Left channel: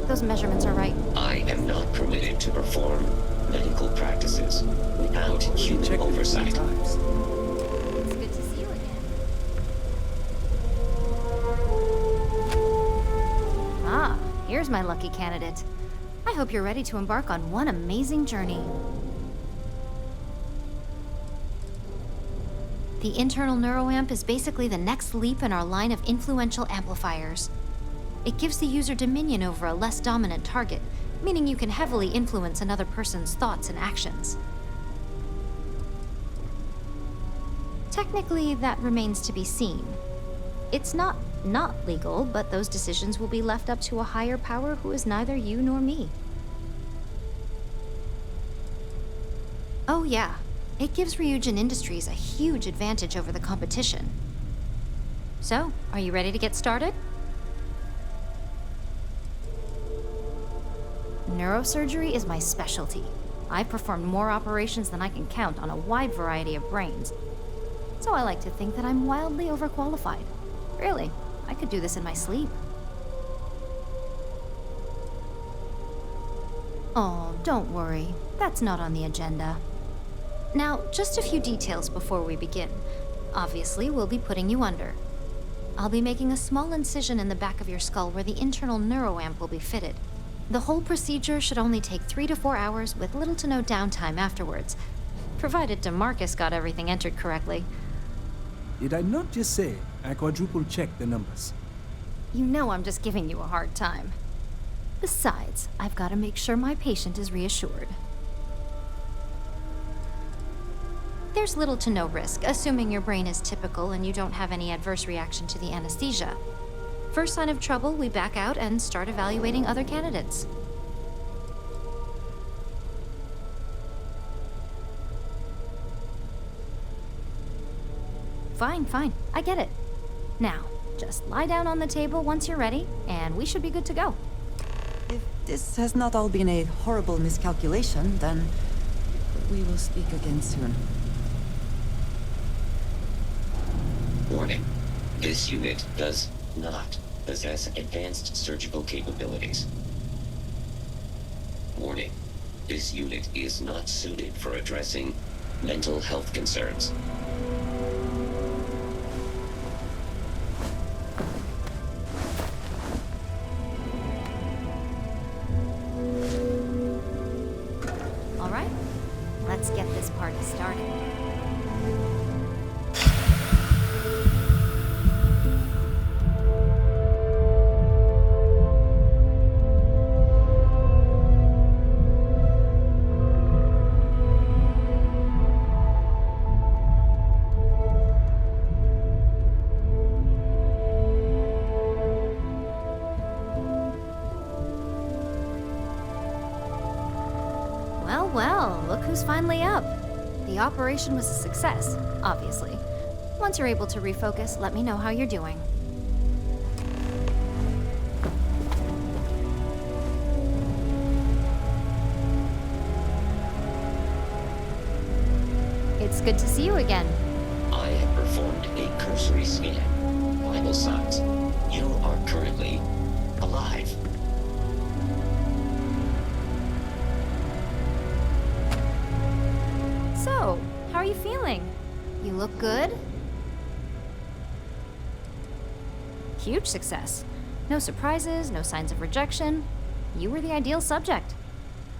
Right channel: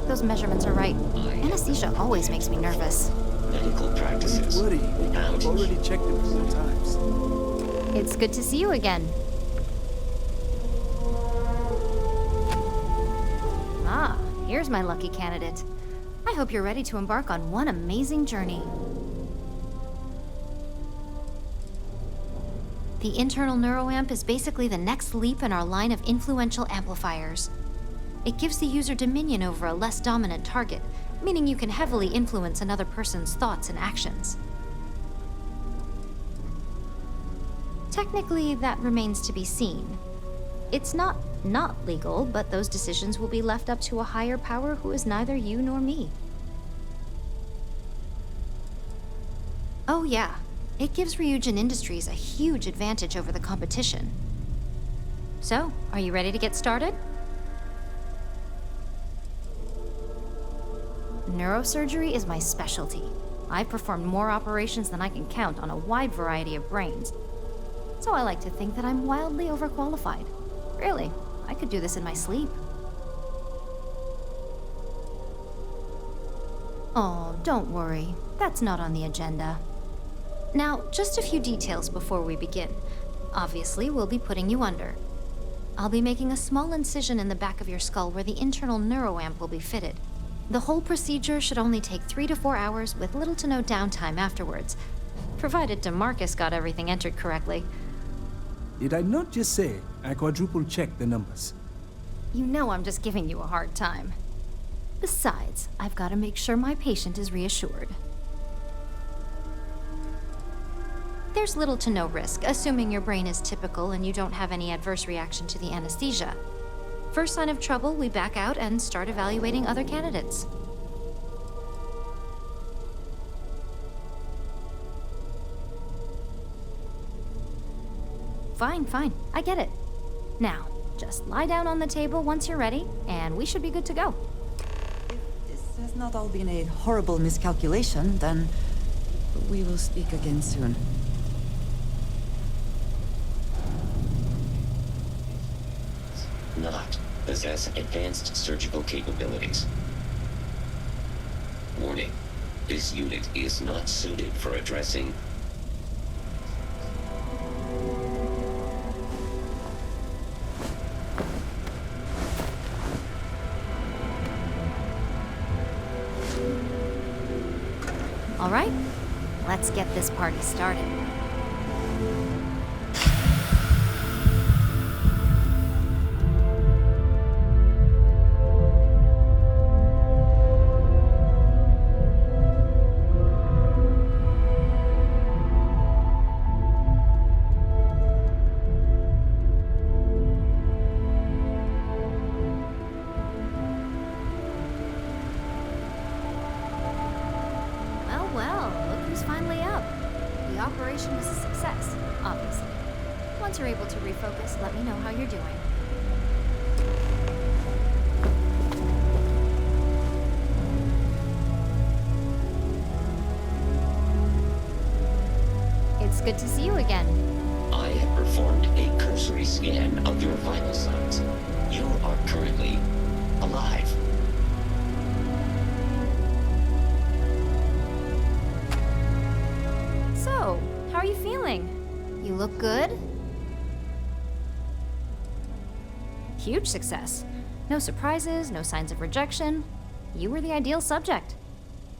check those measurements are right. I am Anesthesia not always permitted makes to me perform nervous. medical practices without human oversight. It's good to see you again. Ah, here's my lucky candidate. I hope you're ready to embark on one amazing journey. The internal neuroamp is basically the next leap in our line of influential amplifiers. It gives the user dominion over a less dominant target, meaning you can heavily influence another person's thoughts and actions. Technically, that remains to be seen. It's not legal, but those decisions will be left up to a higher power who is neither you nor me. Oh yeah, it gives Ryujin Industries a huge advantage over the competition. So, are you ready to get started? Neurosurgery is my specialty. I've performed more operations than I can count on a wide variety of brains. So I like to think that I'm wildly overqualified. Really, I could do this in my sleep. Oh, don't worry. That's not on the agenda. Now, just a few details before we begin. Obviously, we'll be putting you under. I'll be making a small incision in the back of your skull where the internal neuroamp will be fitted. The whole procedure should only take 3 to 4 hours with little to no downtime afterwards, provided DeMarcus got everything entered correctly. Did I not just say I quadruple-checked the numbers? You know I'm just giving you a hard time. Besides, I've got to make sure my patient is reassured. There's little to no risk, assuming your brain is typical and you don't have any adverse reaction to the anesthesia. First sign of trouble, we back out and start evaluating other candidates. Fine, I get it. Now, just lie down on the table once you're ready, and we should be good to go. If this has not all been a horrible miscalculation, then we will speak again soon. Warning. This unit does not possess advanced surgical capabilities. Warning. This unit is not suited for addressing mental health concerns. All right, let's get this party started. Well, look who's finally up. The operation was a success, obviously. Once you're able to refocus, let me know how you're doing. It's good to see you again. I have performed a cursory scan of your vital signs. You are currently alive. So, how are you feeling? You look good? Huge success. No surprises, no signs of rejection. You were the ideal subject.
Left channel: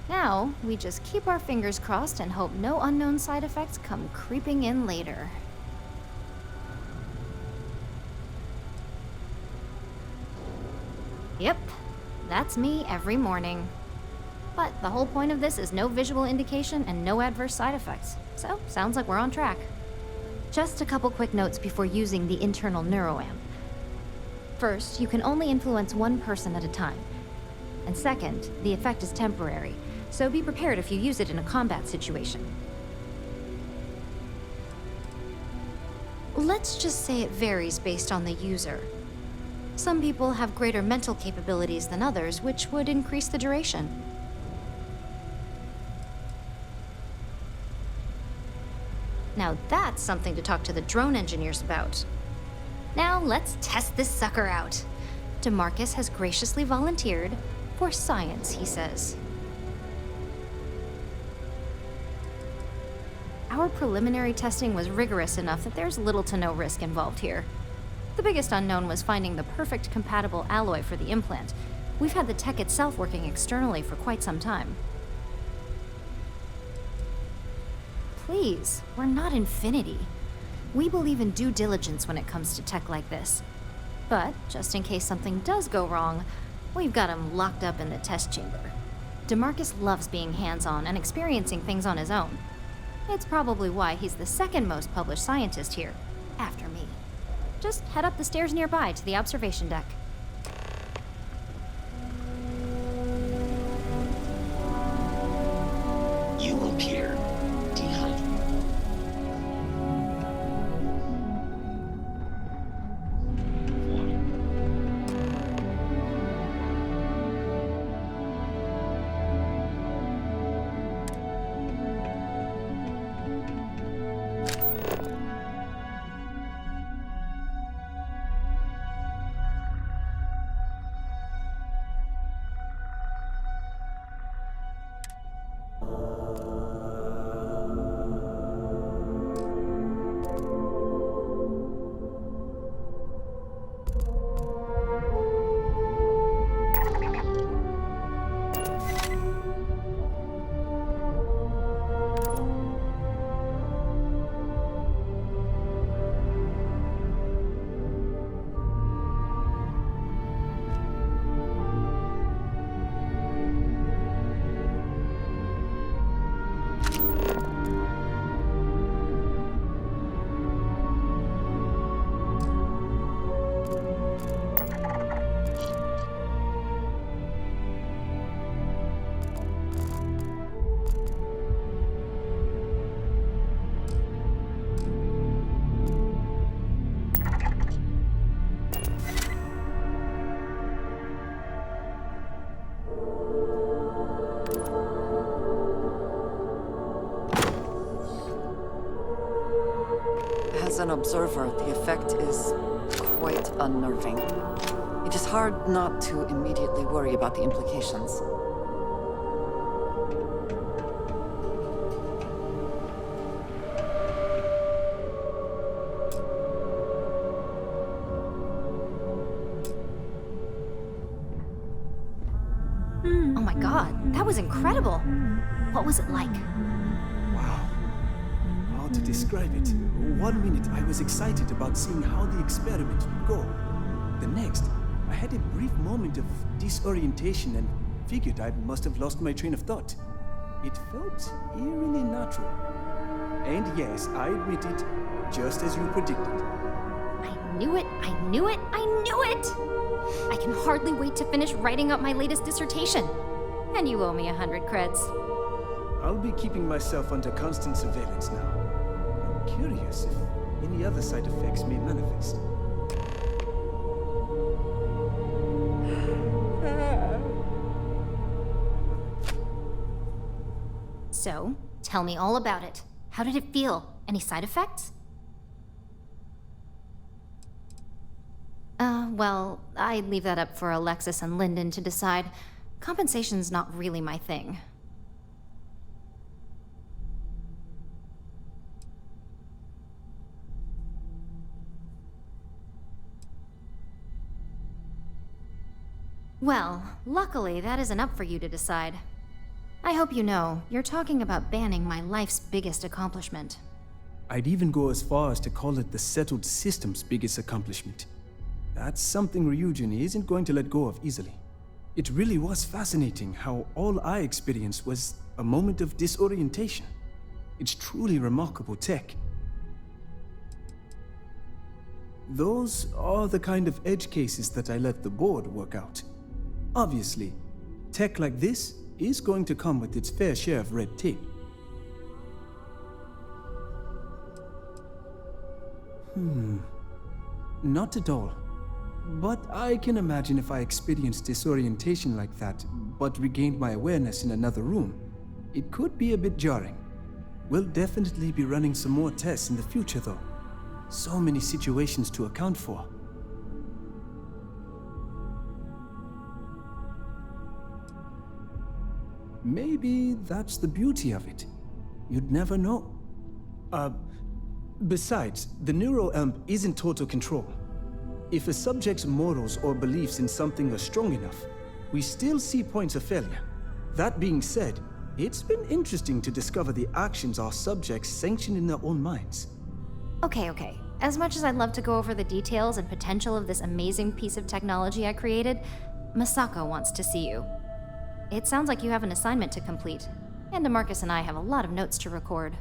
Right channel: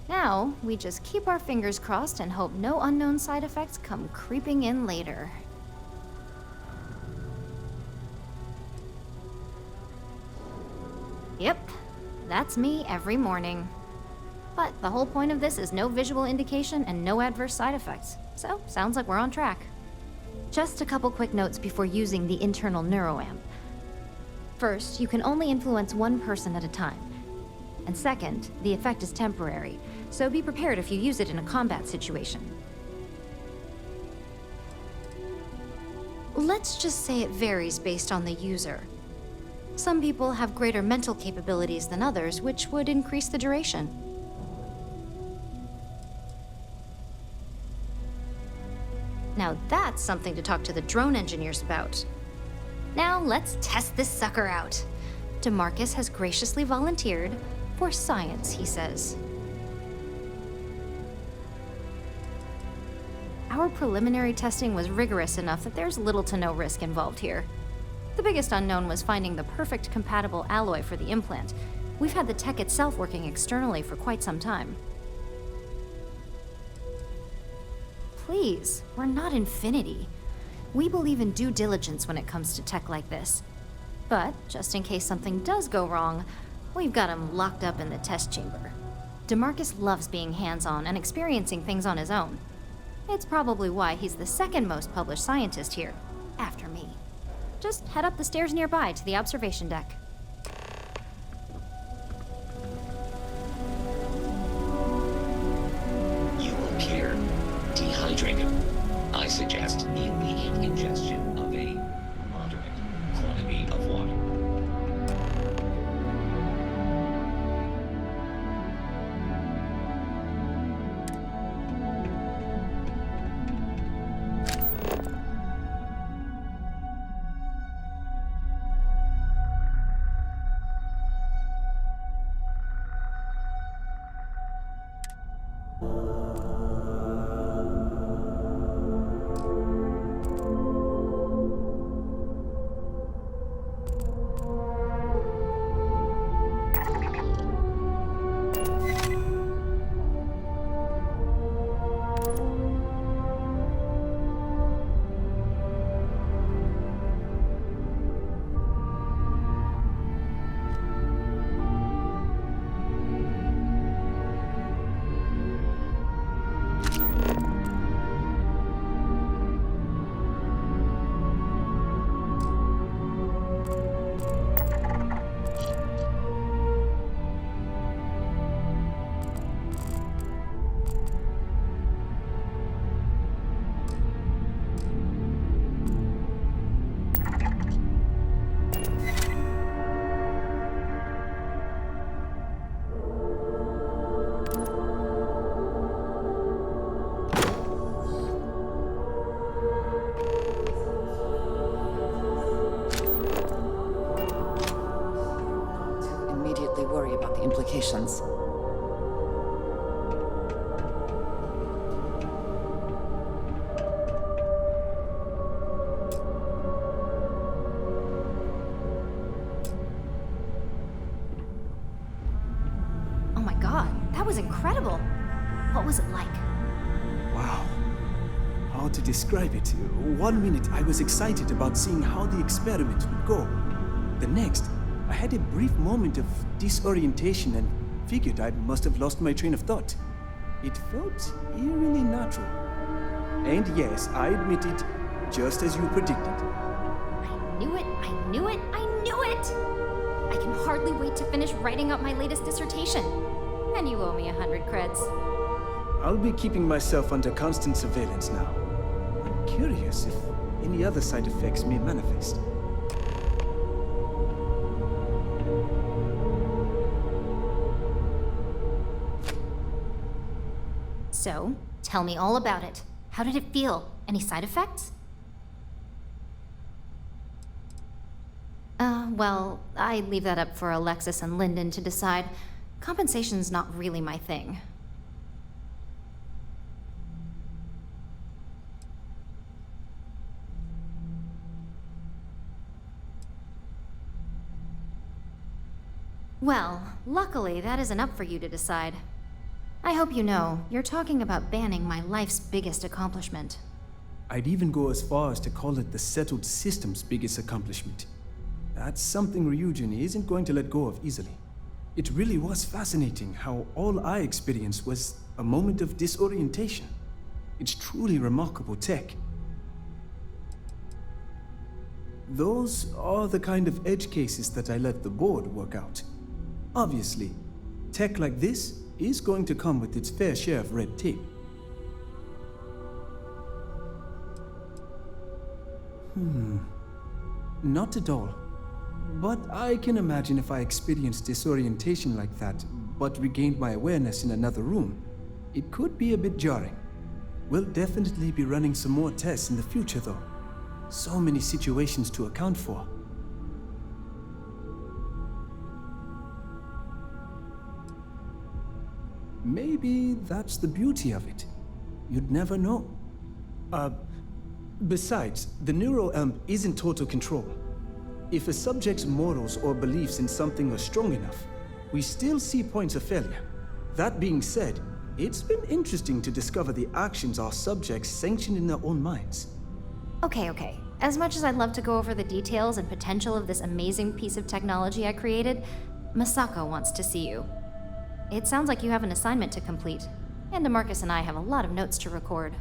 Now, we just keep our fingers crossed and hope no unknown side effects come creeping in later. Yep, that's me every morning. But the whole point of this is no visual indication and no adverse side effects. So, sounds like we're on track. Just a couple quick notes before using the internal neuroamp. First, you can only influence one person at a time. And second, the effect is temporary, so be prepared if you use it in a combat situation. Let's just say it varies based on the user. Some people have greater mental capabilities than others, which would increase the duration. Now that's something to talk to the drone engineers about. Now let's test this sucker out. DeMarcus has graciously volunteered For science, he says. Our preliminary testing was rigorous enough that there's little to no risk involved here. The biggest unknown was finding the perfect compatible alloy for the implant. We've had the tech itself working externally for quite some time. Please, we're not Infinity. We believe in due diligence when it comes to tech like this. But, just in case something does go wrong, we've got him locked up in the test chamber. DeMarcus loves being hands-on and experiencing things on his own. It's probably why he's the second most published scientist here, after me. Just head up the stairs nearby to the observation deck. You appear dehydrated. I suggest immediate ingestion of a moderate quantity of water. As an observer, the effect is quite unnerving. It is hard not to immediately worry about the implications. Oh my god, that was incredible! What was it like? Wow. How to describe it? 1 minute I was excited about seeing how the experiment would go. The next, I had a brief moment of disorientation and figured I must have lost my train of thought. It felt eerily natural. And yes, I admit it, just as you predicted. I knew it, I knew it, I knew it! I can hardly wait to finish writing up my latest dissertation. And you owe me 100 creds. I'll be keeping myself under constant surveillance now. I'm curious if any other side effects may manifest. So, tell me all about it. How did it feel? Any side effects? Well, I'd leave that up for Alexis and Lyndon to decide. Compensation's not really my thing. Well, luckily that isn't up for you to decide. I hope you know, you're talking about banning my life's biggest accomplishment. I'd even go as far as to call it the settled system's biggest accomplishment. That's something Ryujin isn't going to let go of easily. It really was fascinating how all I experienced was a moment of disorientation. It's truly remarkable tech. Those are the kind of edge cases that I let the board work out. Obviously, tech like this is going to come with its fair share of red tape. Not at all. But I can imagine if I experienced disorientation like that, but regained my awareness in another room, it could be a bit jarring. We'll definitely be running some more tests in the future though. So many situations to account for. Maybe that's the beauty of it. You'd never know. Besides, the neuro isn't total control. If a subject's morals or beliefs in something are strong enough, we still see points of failure. That being said, it's been interesting to discover the actions our subjects sanction in their own minds. Okay. As much as I'd love to go over the details and potential of this amazing piece of technology I created, Masako wants to see you. It sounds like you have an assignment to complete, and DeMarcus and I have a lot of notes to record.